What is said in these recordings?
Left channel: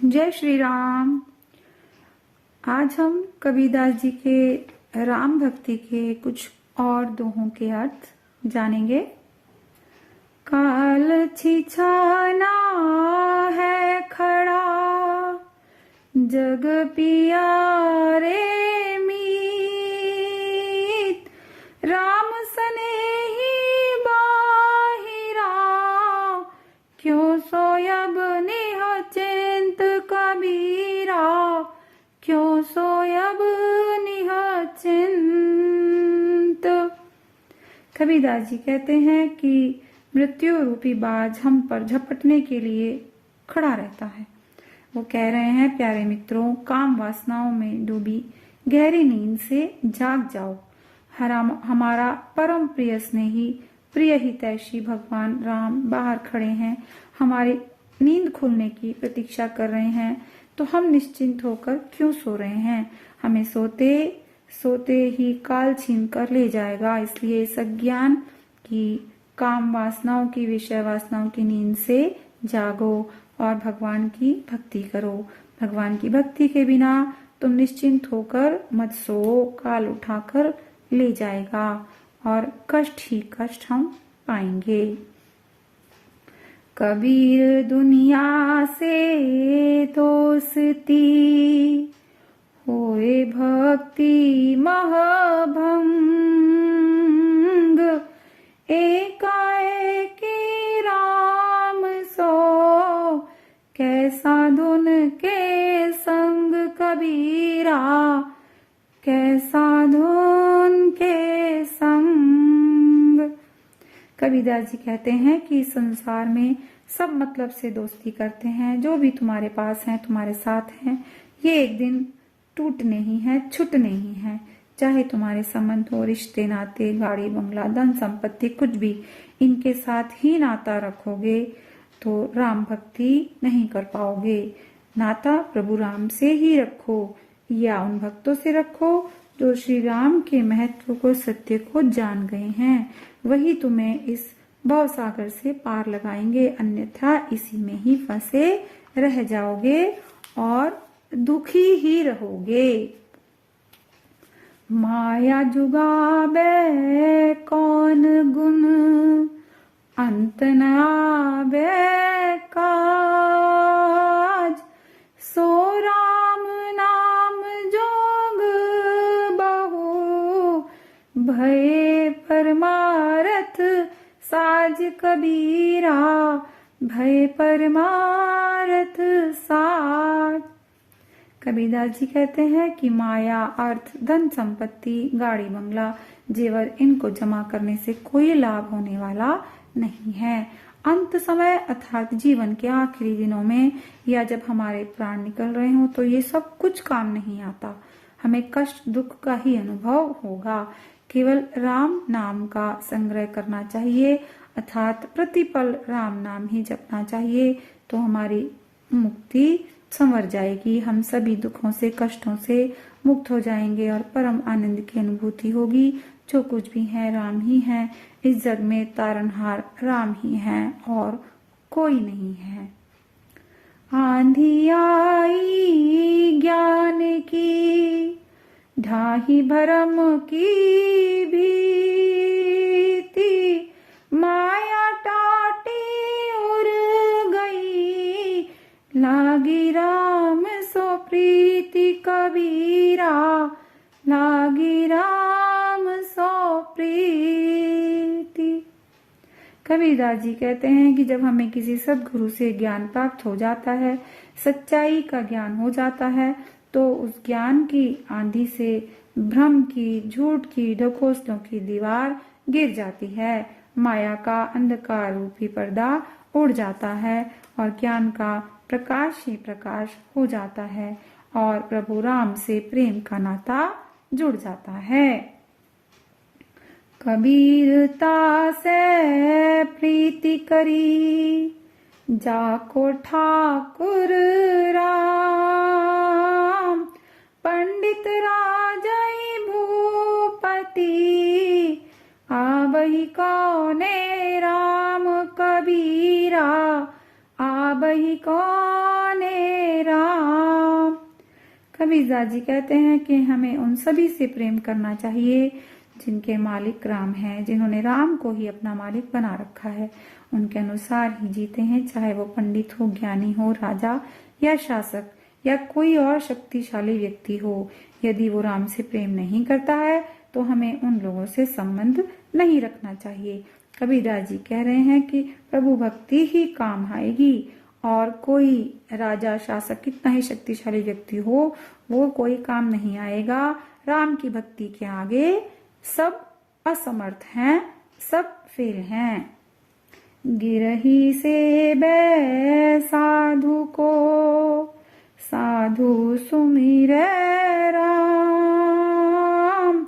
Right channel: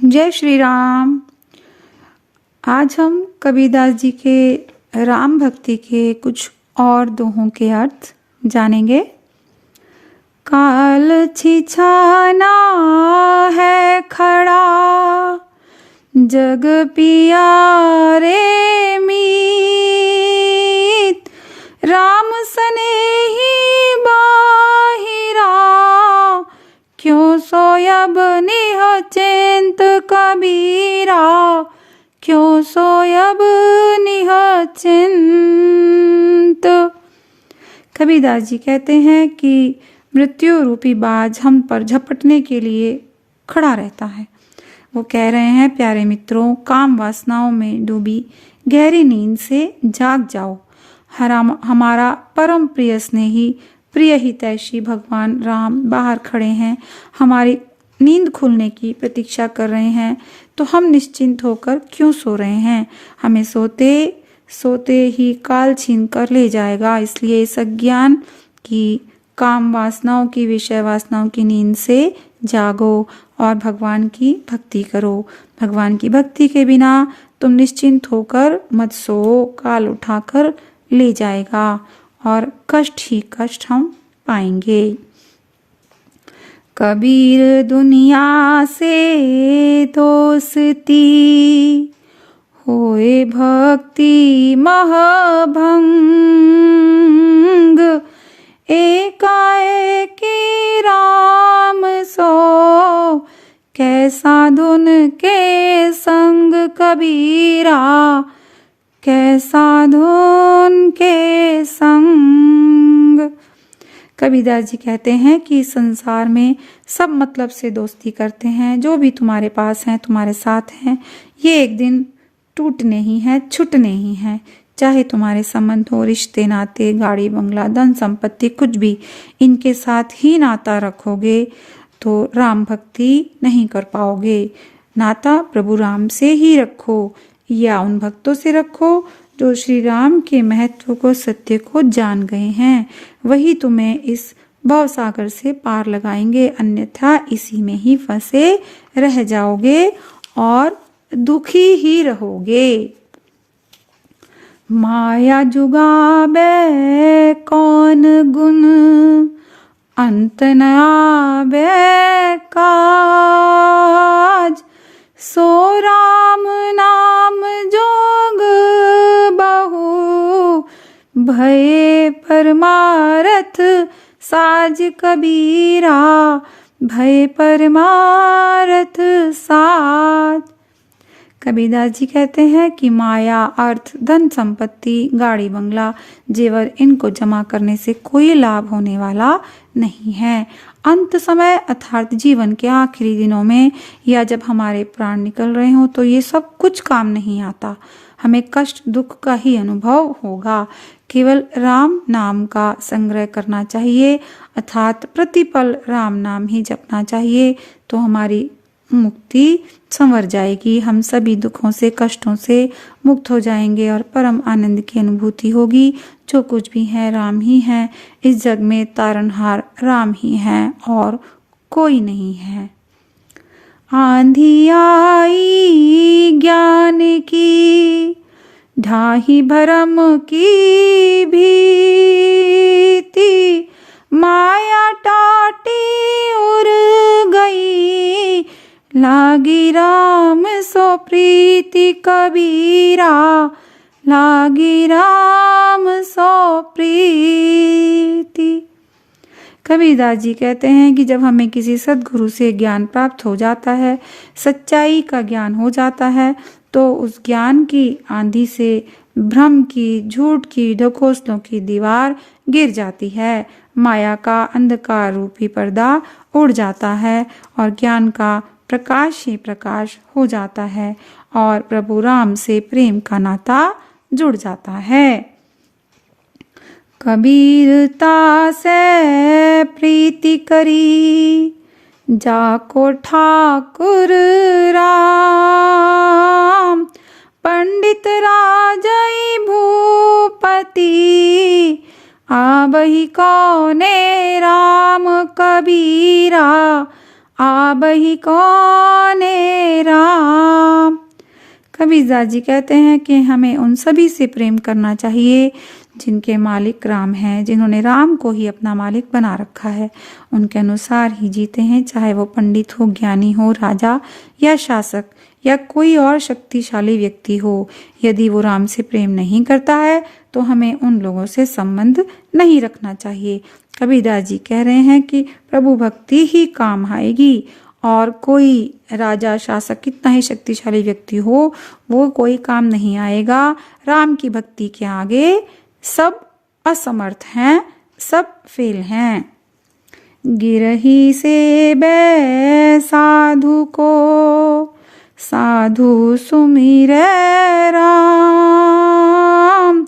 जय श्री राम। आज हम कबीरदास जी के राम भक्ति के कुछ और दोहों के अर्थ जानेंगे। काल छिछाना है खड़ा, जग पियारे मीत, राम सनेही बाहिरा, क्यों सोयब निह चिंत कबीरा, क्यों सोयब निह चिंत। कबीरदास जी कहते हैं कि मृत्यु रूपी बाज हम पर झपटने के लिए खड़ा रहता है। वो कह रहे हैं, प्यारे मित्रों, काम वासनाओं में डूबी गहरी नींद से जाग जाओ। हमारा परम प्रिय स्नेही प्रिय हितैषी भगवान राम बाहर खड़े हैं, हमारी नींद खुलने की प्रतीक्षा कर रहे हैं, तो हम निश्चिंत होकर क्यों सो रहे हैं? हमें सोते सोते ही काल छीन कर ले जाएगा। इसलिए इस अज्ञान की काम वासनाओं की, विषय वासनाओं की नींद से जागो और भगवान की भक्ति करो। भगवान की भक्ति के बिना तुम निश्चिंत होकर मत सो, काल उठाकर ले जाएगा और कष्ट ही कष्ट हम पाएंगे। कबीर दुनिया से दोस्ती, होए भक्ति महभंग, एकाएकी राम सो, कैसा धुन के संग कबीरा, कैसा धुन के संग। कबीरदास जी कहते हैं कि संसार में सब मतलब से दोस्ती करते हैं। जो भी तुम्हारे पास हैं, तुम्हारे साथ हैं, ये एक दिन टूटने ही हैं, छूटने ही हैं। चाहे तुम्हारे संबंध हो, रिश्ते नाते, गाड़ी बंगला, धन संपत्ति, कुछ भी, इनके साथ ही नाता रखोगे तो राम भक्ति नहीं कर पाओगे। नाता प्रभु राम से ही रखो या उन भक्तों से रखो जो श्री राम के महत्व को, सत्य को जान गए हैं। वही तुम्हें इस भवसागर से पार लगाएंगे, अन्यथा इसी में ही फंसे रह जाओगे और दुखी ही रहोगे। माया जुगाबे कौन गुण, अंत न आबे काज, सो राम नाम जोग बहु, भय परमारथ साज कबीरा, भय परमारथ साज। कबीरदास जी कहते हैं कि माया, अर्थ, धन संपत्ति, गाड़ी बंगला, जेवर, इनको जमा करने से कोई लाभ होने वाला नहीं है। अंत समय अर्थात जीवन के आखिरी दिनों में या जब हमारे प्राण निकल रहे हों तो ये सब कुछ काम नहीं आता। हमें कष्ट दुख का ही अनुभव होगा। केवल राम नाम का संग्रह करना चाहिए, अर्थात प्रतिपल राम नाम ही जपना चाहिए, तो हमारी मुक्ति संवर जाएगी। हम सभी दुखों से, कष्टों से मुक्त हो जाएंगे और परम आनंद की अनुभूति होगी। जो कुछ भी है राम ही है। इस जग में तारनहार राम ही है और कोई नहीं है। आंधी आई ज्ञान की, ढाही भरम की भीति, माया टाटी उड़ गई, लागी राम सो प्रीति कबीरा, लागी राम सो प्रीति। कबीरदास जी कहते हैं कि जब हमें किसी सद्गुरु से ज्ञान प्राप्त हो जाता है, सच्चाई का ज्ञान हो जाता है, तो उस ज्ञान की आंधी से भ्रम की, झूठ की, ढकोसलों की दीवार गिर जाती है। माया का अंधकार रूपी पर्दा उड़ जाता है और ज्ञान का प्रकाश ही प्रकाश हो जाता है और प्रभु राम से प्रेम का नाता जुड़ जाता है। कबीरता से प्रीति करी, जाको ठाकुर राम, पंडित राजई भूपति, आबहि कौने राम कबीरा, आबहि कौने राम। कबीरदास जी कहते हैं कि हमें उन सभी से प्रेम करना चाहिए जिनके मालिक राम हैं, जिन्होंने राम को ही अपना मालिक बना रखा है। उनके अनुसार ही जीते हैं, चाहे वो पंडित हो, ज्ञानी हो, राजा या शासक या कोई और शक्तिशाली व्यक्ति हो। यदि वो राम से प्रेम नहीं करता है तो हमें उन लोगों से संबंध नहीं रखना चाहिए। कबीरदास जी कह रहे हैं कि प्रभु भक्ति ही काम आएगी, और कोई राजा शासक कितना ही शक्तिशाली व्यक्ति हो, वो कोई काम नहीं आएगा। राम की भक्ति के आगे सब असमर्थ हैं, सब फेल हैं। गिरही से बै साधु को साधु सुमिरै राम,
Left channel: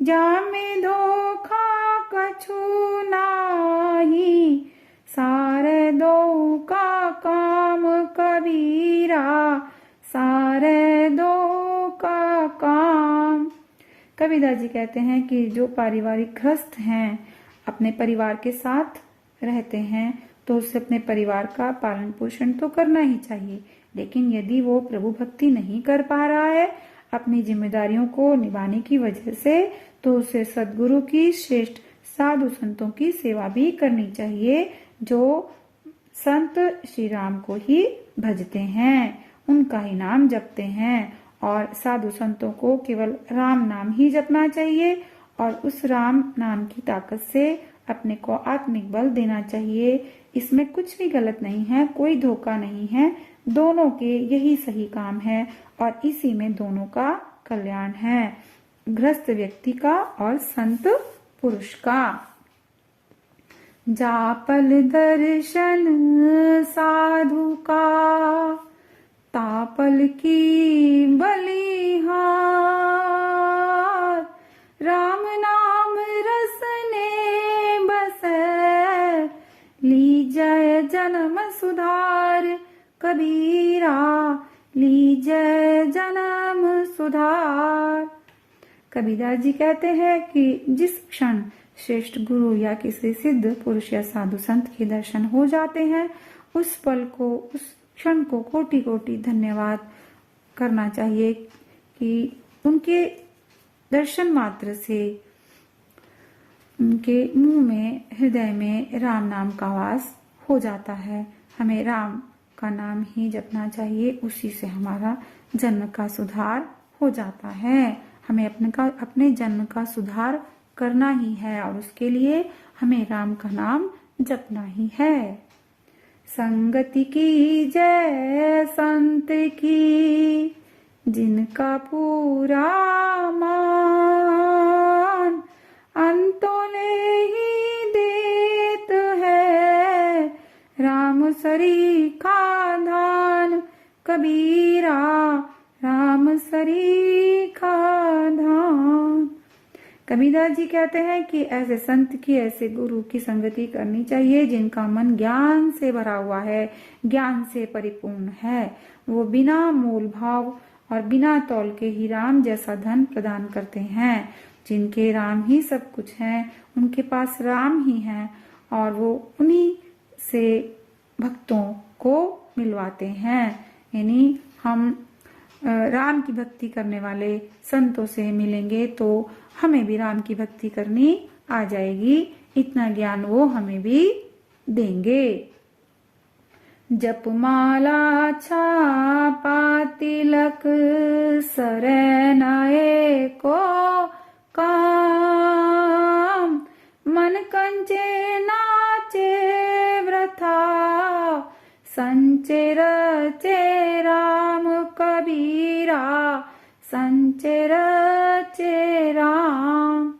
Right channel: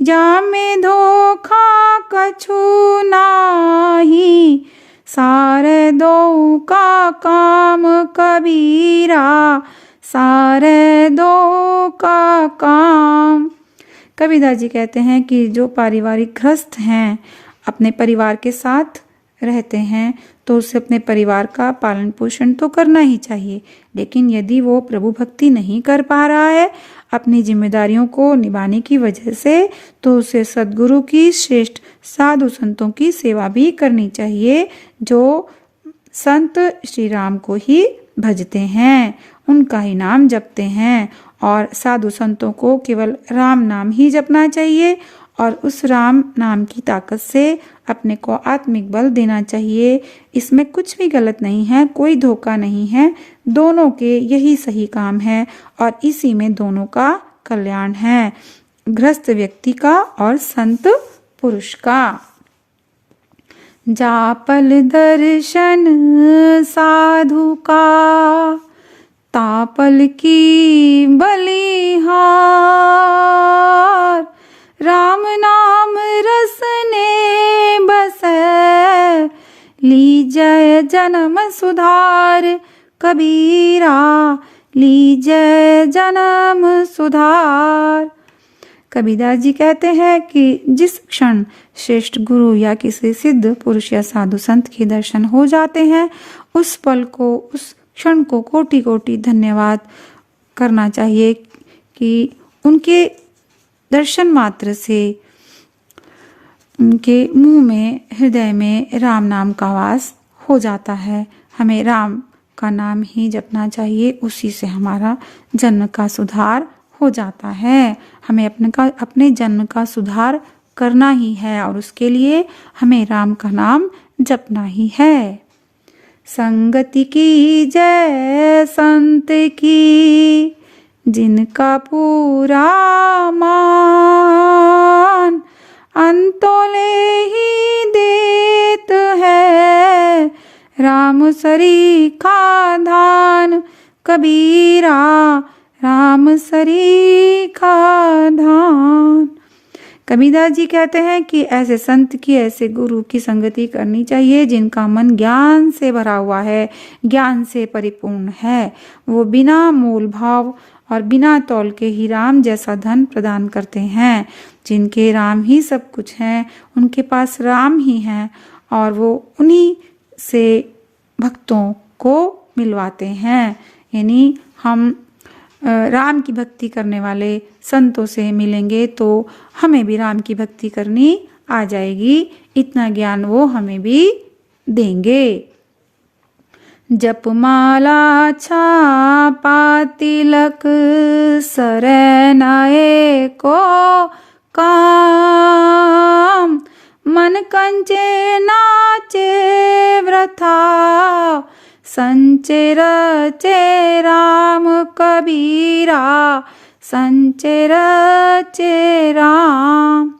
जामे धोखा कछु नाही, सारे दो का काम कबीरा, सारे दो का काम। कबीरदास जी कहते हैं कि जो पारिवारिक गृहस्थ हैं, अपने परिवार के साथ रहते हैं, तो उसे अपने परिवार का पालन पोषण तो करना ही चाहिए। लेकिन यदि वो प्रभु भक्ति नहीं कर पा रहा है अपनी जिम्मेदारियों को निभाने की वजह से, तो उसे सद्गुरु की, श्रेष्ठ साधु संतों की सेवा भी करनी चाहिए, जो संत श्री राम को ही भजते हैं, उनका ही नाम जपते हैं। और साधु संतों को केवल राम नाम ही जपना चाहिए और उस राम नाम की ताकत से अपने को आत्मिक बल देना चाहिए। इसमें कुछ भी गलत नहीं है, कोई धोखा नहीं है, दोनों के यही सही काम है और इसी में दोनों का कल्याण है, गृहस्थ व्यक्ति का और संत पुरुष का। जापल दर्शन साधु का, तापल की बलिहार, राम नाम रसने बसै, लीजय जन्म सुधार कबीरा, लीजय जन्म सुधार। कबीरदास जी कहते हैं कि जिस क्षण श्रेष्ठ गुरु या किसी सिद्ध पुरुष या साधु संत के दर्शन हो जाते हैं, उस पल को, उस क्षण को कोटि कोटि धन्यवाद करना चाहिए कि उनके दर्शन मात्र से उनके मुंह में, हृदय में राम नाम का वास हो जाता है। हमें राम का नाम ही जपना चाहिए, उसी से हमारा जन्म का सुधार हो जाता है। हमें अपने जन्म का सुधार करना ही है और उसके लिए हमें राम का नाम जपना ही है। संगति की जय संत की, जिनका पूरा मान, अंतोले ही देत है, राम सरीखा धान कबीरा, राम सरीखा धान। कबीरदास जी कहते हैं कि ऐसे संत की, ऐसे गुरु की संगति करनी चाहिए जिनका मन ज्ञान से भरा हुआ है, ज्ञान से परिपूर्ण है। वो बिना मोल भाव और बिना तौल के ही राम जैसा धन प्रदान करते हैं। जिनके राम ही सब कुछ हैं, उनके पास राम ही हैं और वो उन्हीं से भक्तों को मिलवाते हैं। यानी हम राम की भक्ति करने वाले संतों से मिलेंगे तो हमें भी राम की भक्ति करनी आ जाएगी, इतना ज्ञान वो हमें भी देंगे। जपमाला छापा तिलक सरनाए को काम, मन कंचे नाचे व्रथा, संचय रचे राम कबीरा, संचय रचे राम।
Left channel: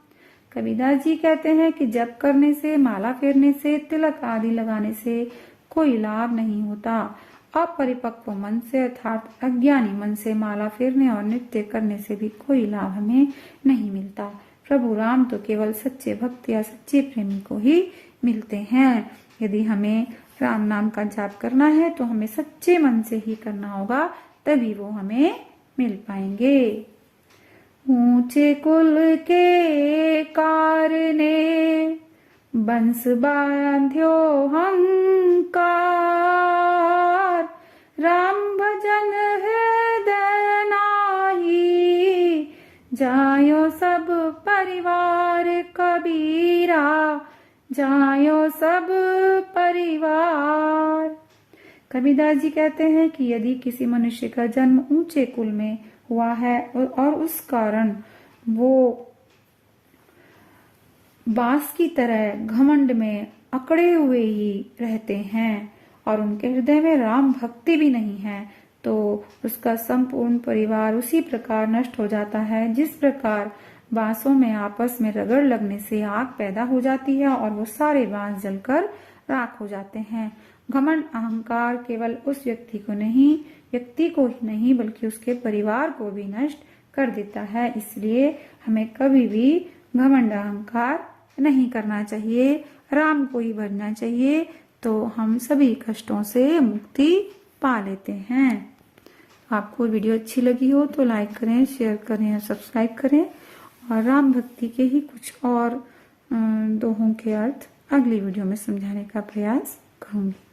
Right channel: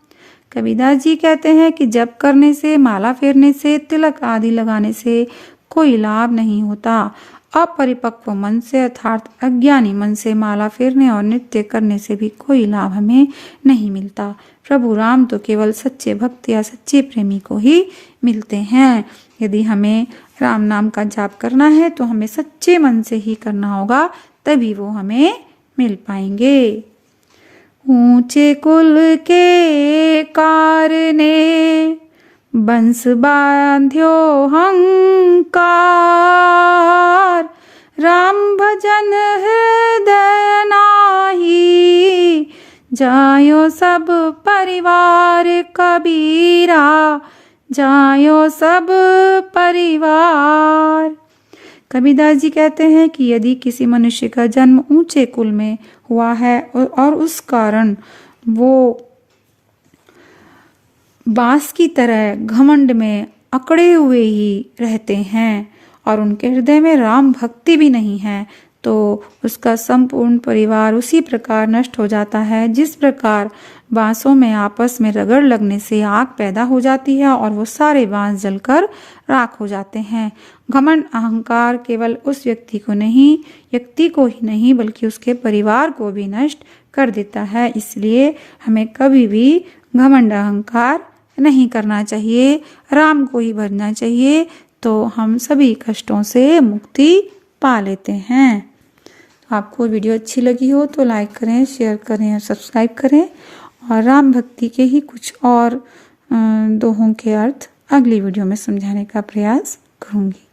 कबीरदास जी कहते हैं कि जप करने से, माला फेरने से, तिलक आदि लगाने से कोई लाभ नहीं होता। अपरिपक्व मन से अर्थात अज्ञानी मन से माला फेरने और नृत्य करने से भी कोई लाभ हमें नहीं मिलता। प्रभु राम तो केवल सच्चे भक्त या सच्चे प्रेमी को ही मिलते हैं। यदि हमें राम नाम का जाप करना है तो हमें सच्चे मन से ही करना होगा, तभी वो हमें मिल पाएंगे। ऊंचे कुल के कारने बंस बांध्यो हंकार, राम भजन हृदय नाही, जायो सब परिवार कबीरा, जायो सब परिवार। कबीरदास जी कहते हैं कि यदि किसी मनुष्य का जन्म ऊंचे कुल में हुआ है और उस कारण वो बांस की तरह घमंड में अकड़े हुए ही रहते हैं और उनके हृदय में राम भक्ति भी नहीं है, तो उसका संपूर्ण परिवार उसी प्रकार नष्ट हो जाता है जिस प्रकार बांसों में आपस में रगड़ लगने से आग पैदा हो जाती है और वो सारे बांस जलकर राख हो जाते हैं। घमंड अहंकार केवल उस व्यक्ति को ही नहीं बल्कि उसके परिवार को भी नष्ट कर देता है। इसलिए हमें कभी भी घमंड अहंकार नहीं करना चाहिए, राम को ही भजना चाहिए, तो हम सभी कष्टों से मुक्ति पा लेते हैं। आपको वीडियो अच्छी लगी हो तो लाइक करें, शेयर करें और सब्सक्राइब करें, और राम भक्ति के ही कुछ और दोहों के अर्थ अगली वीडियो में समझाने का प्रयास करूंगी।